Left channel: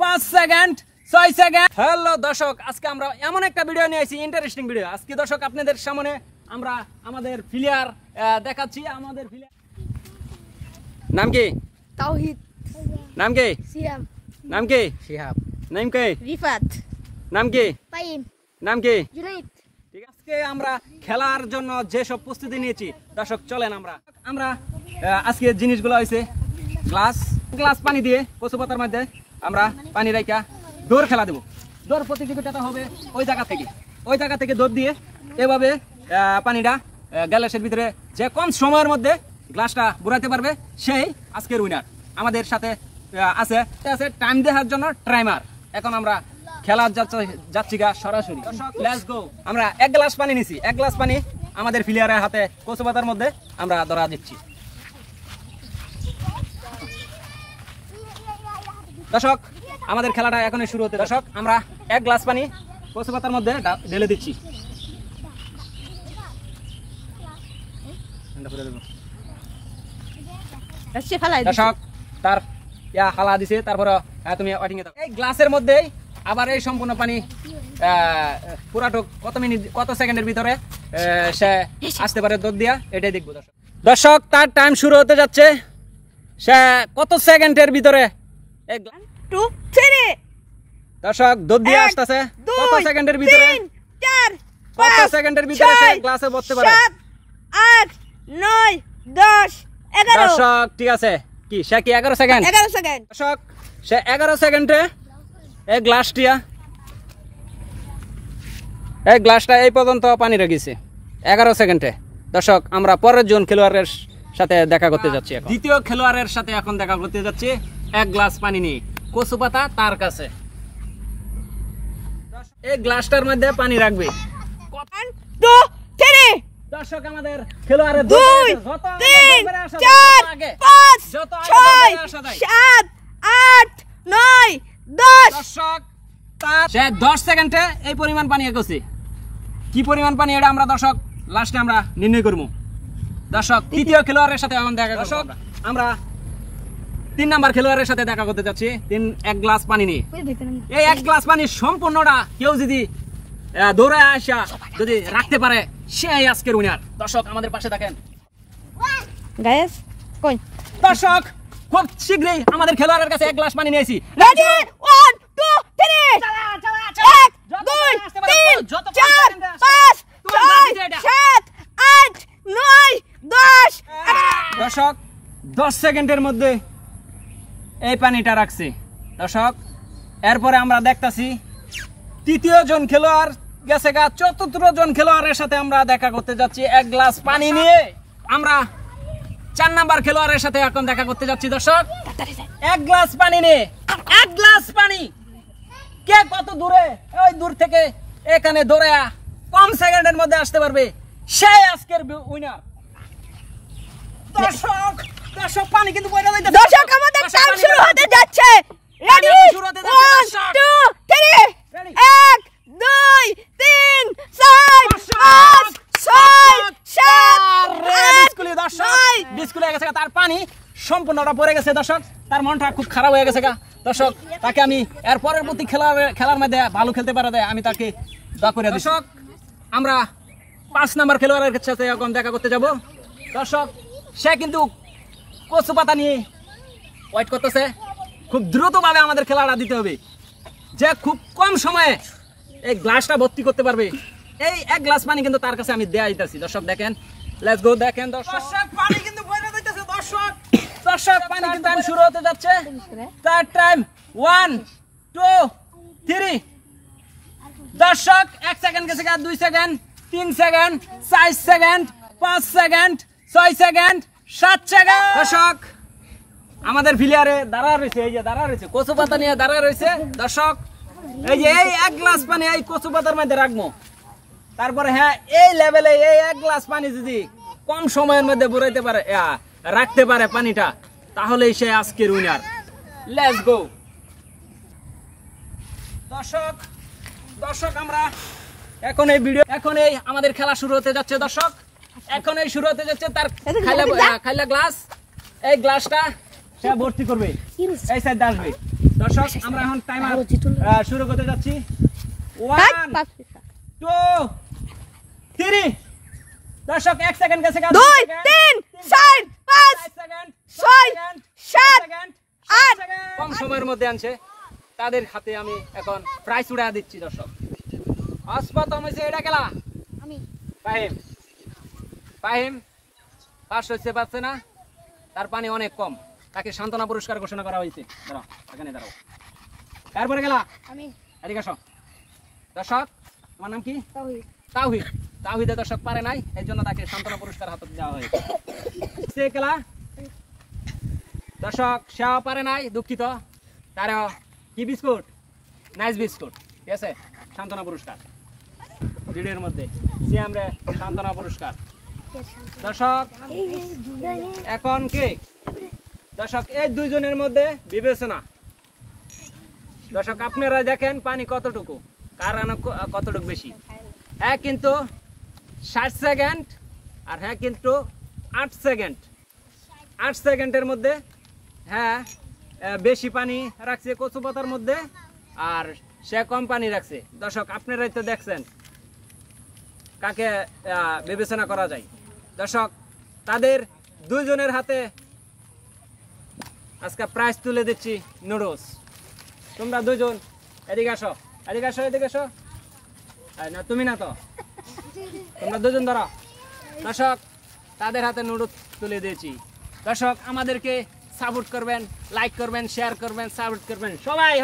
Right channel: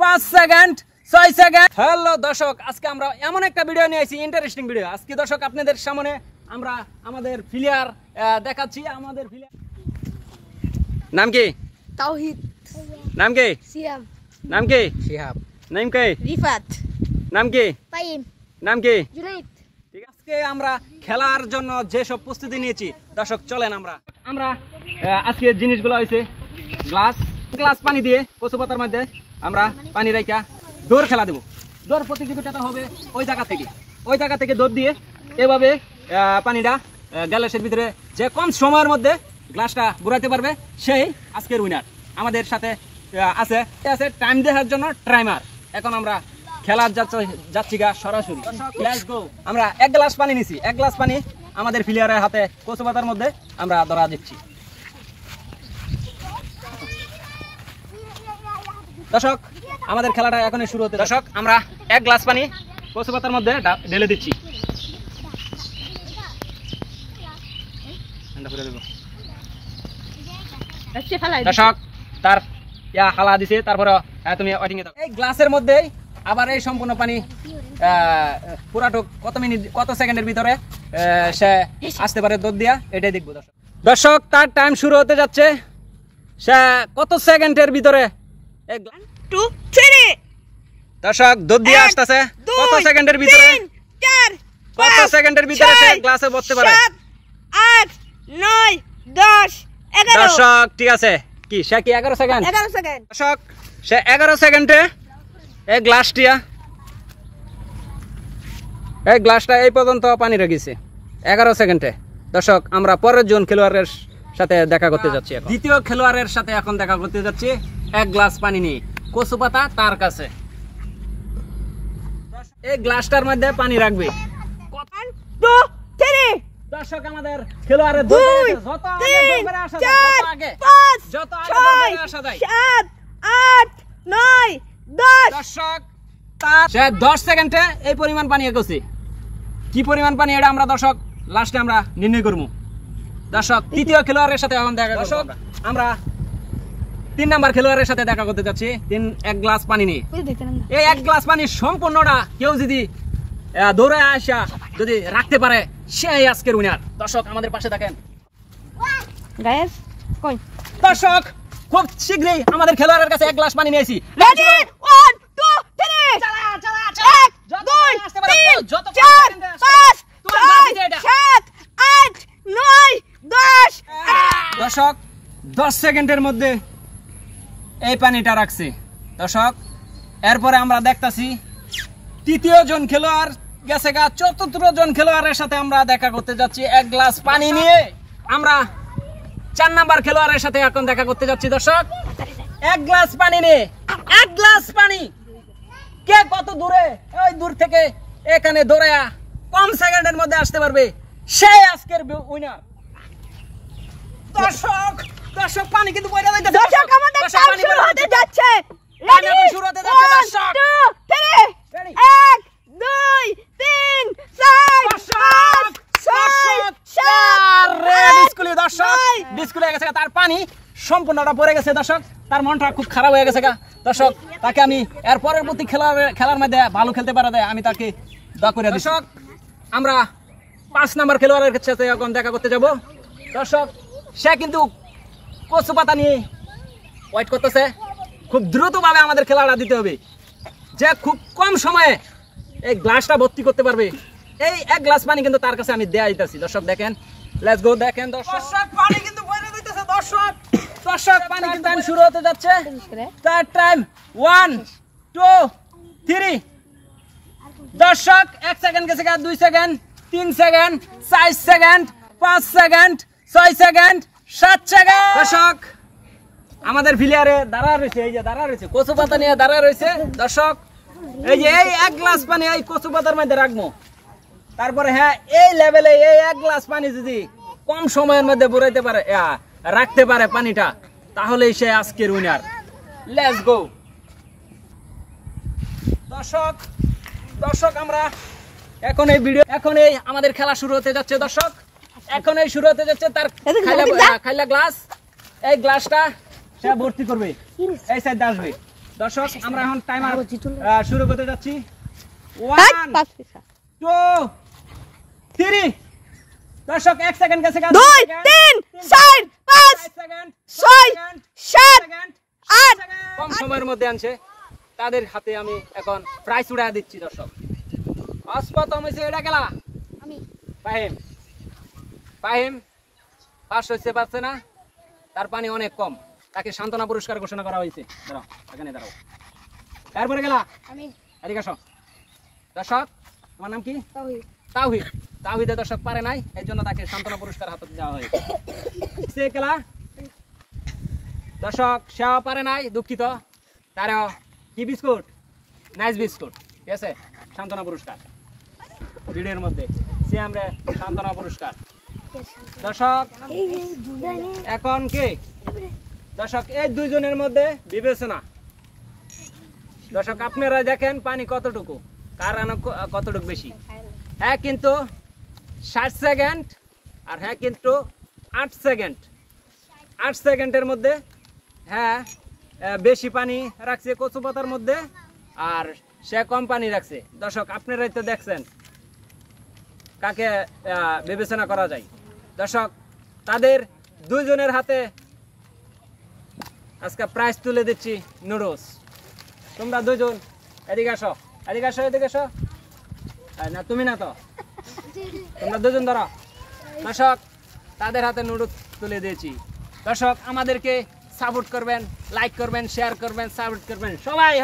5 second 6 second. Hello দর্শক, আজকে আমরা এমন একটা ভিডিও নিয়ে আসি, ইন্টারেস্টিং ভিডিও। আজকে দর্শক আপনাদের সামনে আমরা আমাদের প্লেয়ার দেখাচ্ছি। আমাদের প্লেয়ার নাম কি? তাওহিদ। নাম কি? সিয়াম। নাম কি? শিহাব। নাম কি? রিফাত। নাম কি? পাইম। নাম কি? জুনাইদ। ঠিক আছে, আজকে আমরা খেলার জন্য যে সব প্রস্তুতি নিয়েছি দর্শক, চলেন আমরা আজকে জিনিসগুলো হয়েছে গ্লাস পানি দিয়ে কচু পাতার মধ্যে আমরা পানি রাখা দৌড় খেলা দেবো। দৌড় প্রতিযোগিতাটা হবে ওই জায়গা থেকে দৌড় দিয়ে এভাবে পানিটা গ্লাসের ভিতরে যে কম সময়ের মধ্যে গ্লাসটা বুড়াতে পারবে সেই আজকের উইনার। আমাদের সাথে আছে টাইম দেওয়ার জন্য টাইমার। এখন আমরা খেলার যাচ্ছি গা সরাসরি। Let's go. আমরা এক গ্লাস পানি নিছি, এক গ্লাস পানি আমাদের প্লেয়ারের হাতে কচু পাতার মধ্যে আমরা ধরা দিচ্ছি। দর্শক, আমাদের খেলাটা এখনই শুরু হতে। দর্শক, আমরা এক গ্লাস পানি কচু পাতার মধ্যে ঢেলে দিচ্ছি। দর্শক, তার হালা দিছে, তারপরে তুমি ওয়াটিং এ দাও। এই গ্লাসের মধ্যে আবার এই সম্পূর্ণ পানি পুরাটুক কত সেকেন্ডের ভিতরে সে আসতে পারে দৌড় দিয়া, এটাই দেখবো। দর্শক, তার টাইম শুরু হতে যাচ্ছে। সে কত সেকেন্ডের ভিতরে দর্শক দৌড় দিয়ে আসতেছে। কত সেকেন্ডের ভিতরে সে গ্লাসে ভরতে পারে? 8 9 10 11। দর্শক, ঠিক আছে, কি সে কি 11 সেকেন্ড? দর্শক, সে 11 সেকেন্ডে এই গ্লাসটা এই পর্যন্ত পানি রেখেছে 11 সেকেন্ডে। দর্শক, আমরা পরের জন খেলোয়াড়ের সাথে দেখা করতে যাচ্ছি। দ্বিতীয় খেলোয়াড়ের সাথে এখন দেখা করতে যাচ্ছি। এক গ্লাস পানি নিয়ে কচু পাতা তার কাছে। এই গ্লাসটার মধ্যে পানি রাখবে। 1 2 3। দর্শক, আমাদের খেলোয়াড়ের যত আগে 7 8 9 10। দর্শক, সে 10 সেকেন্ডে এই পরিমাণ পানি এগোছে। কি পরিমাণ পানি এটা আমরা দর্শক লাস্টে আমরা নির্ণয় করবো। দর্শক, তৃতীয় খেলোয়াড়ের সাথে এখন দেখা করব। আমরা 3 নাম্বার খেলোয়াড়ের সাথে দেখা করতে যাচ্ছি। এক গ্লাস পানি নিয়ে। এই এক গ্লাস পানি সম্পূর্ণটা কেউ যদি দৌড়ে আসা যদি রাখতে পারে সেই আজকের উইনার। দর্শক, আমাদের পাশে থাকেন। দর্শক, খুব শীঘ্রই আমাদের খেলোয়াড়ের কাছে এক গ্লাস পানি নিয়েছি। 1 2 3 1 2 3 4 5 6 7 8 9 10। দর্শক, 10 সেকেন্ডের মধ্যে এই পানিটা রাখছে। দর্শক, এরপরে আমরা দেখতাছি তৃতীয় জন খেলোয়াড় গেছে গা। চতুর্থ জন খেলোয়াড়ের সাথে আমরা দেখা করতে যাচ্ছি এক গ্লাস পানি নিয়ে। আমরা 4 নাম্বার খেলোয়াড়ের সাথে এখন দেখা করতে যাচ্ছি। দর্শক, এক গ্লাস পানি নিয়ে, এক গ্লাস পানি কে কত দূরে, ওই দূর থেকে এখানে দৌড়ে কম সেকেন্ডের মধ্যে আসতে পারবে সেই আজকের উইনার। দর্শক, পানি কিন্তু বইরা যাচ্ছে। দর্শক, আমাদের টাইম শুরু হতে যাচ্ছে। টাইম শুরু হতে যাচ্ছে। দর্শক, 1 2 3 4 5 6 7 ডিসকুলে গেছে। তার পানি সম্পূর্ণটা পড়ে গেছে। দর্শক, তার মনটা খুব খারাপ হয়ে গেছে গা। দর্শক, তাকে আমি এর পরের প্রতি খেলার মধ্যে ভালো খেলতে পারা দেয় আমি তাকে দোয়া করে। দর্শক, আমরা 5 নাম্বার খেলোয়াড়ের সাথে এখন দেখা করতে যাব। দর্শক, সে কিন্তু কচু পাতা নিয়ে ওয়েট করতেছে। খুব দ্রুতভাবে আমাদের খেলাটা দিতে হবে, যে খুব কম সময়ে এই গ্লাসটা ভর্তি করতে পারবে। এই এক গ্লাস পানি কিন্তু তার কাছে আমি দেয়া দিতেছি। দর্শক, দেখেন, লেটস গো। দেখেন দর্শক, পানি কিন্তু বইরা যাইতেছে। দর্শক, পানি কিন্তু টাইম শুরু হতে যাচ্ছে। তার টাইম 1 2 3। দর্শক, 1 সেকেন্ড গেছে, 2 second 3 second 4 second 5 second 6 second 7 second. দর্শক, আমাদের প্লেয়ারে দাঁড়া রয়েছে, এই যে দাঁড়া রয়েছে, কচু পাতা নিয়ে দাঁড়া রয়েছে। দর্শক, এই যে এই এক গ্লাস পানি এই কচু পাতার মধ্যে রাখবো। তারপরে হ্যাঁ, এই লেভেলে এই এক গ্লাস পানি যদি কম সময়ের মধ্যে বুড়াইতে পারে, রাখতে পারে পানিটা, তাহলেই সে আজকের উইনার। Let's go. দর্শক, আমরা এখন এই আমাদের খেলা শুরু হতে যাচ্ছে। দর্শক, এখন এই শুরু হতে যাচ্ছে। তার খাইলা গ্লাস, এই গ্লাসটা সে ভর্তি করবে, এই সাইড আসবে। দর্শক আমরা এখন টাইমার শুরু করতে যাচ্ছি। 1 2 3 দর্শক 1 সেকেন্ড গেছে, 2 3 4 5 সেকেন্ড 6 7 8 কম সময়ের মধ্যে আনছে, তাদের হাতে আমি এখন প্রাইস উড়া দিচ্ছি। দর্শক অস্পতম হয়েছে এটা খেলা। আমি ফাহিম পাস হচ্ছে, পাচ্ছে না, তার পানি অনেক কম, তাকে সান্ত্বনা পুরস্কার ঘোষণা করা হয়েছে। দাঁড়াও, এখানে দাঁড়াও। তারপরে গেলা আমি এদিকে আসো। দর্শক তোমার নাম কি? তাওহীদ। তাওহীদ। তাওহীদে দর্শক পারে নাই, এই জন্য তাকে সান্ত্বনা পুরস্কার হাতে দেওয়া হয়েছে। সে খেলা দর্শক সেও পারে নাই, দুঃখিত। তারও কি বিস্কুট? নাইস বিস্কুট, ঠিক আছে, সান্ত্বনা পুরস্কার ভিডিওর মধ্যে সে আমরা সান্ত্বনা পুরস্কার। দর্শক এখন কে? দর্শক এই দুইজনের মধ্যে বিবেচনা। দর্শক আপনারা দেখেন পানি কতটুকু, কার কতটুকু বেশি। হ্যাঁ কিন্তু 60 সেকেন্ড, আর হ্যাঁ কিন্তু 8 সেকেন্ড। 8 সেকেন্ডের মধ্যে হ্যাঁ বেশি পানি রাখছে কচু পাতার মধ্যে, আর সে কম পানি রাখছে। দর্শক আপনারাই তো দেখছেন কাকে বিবেচনা করা যায়। দর্শক তাদের দুইজনের হাতে আজকে প্রাইজ তুলে দিচ্ছি নুডলস। তোমরা দুজন এদিকে আসো, এদিকে আসো, এদিকে আসো। না তুমি না তো, তোমরা দুজন ধরো। দর্শক তাদের হাতে নুডলস তুলে দিয়েছি। দর্শক আমাদেরকে সাপোর্ট করবেন, লাইক করবেন, শেয়ার করবেন, সাপোর্ট করবেন সবাই।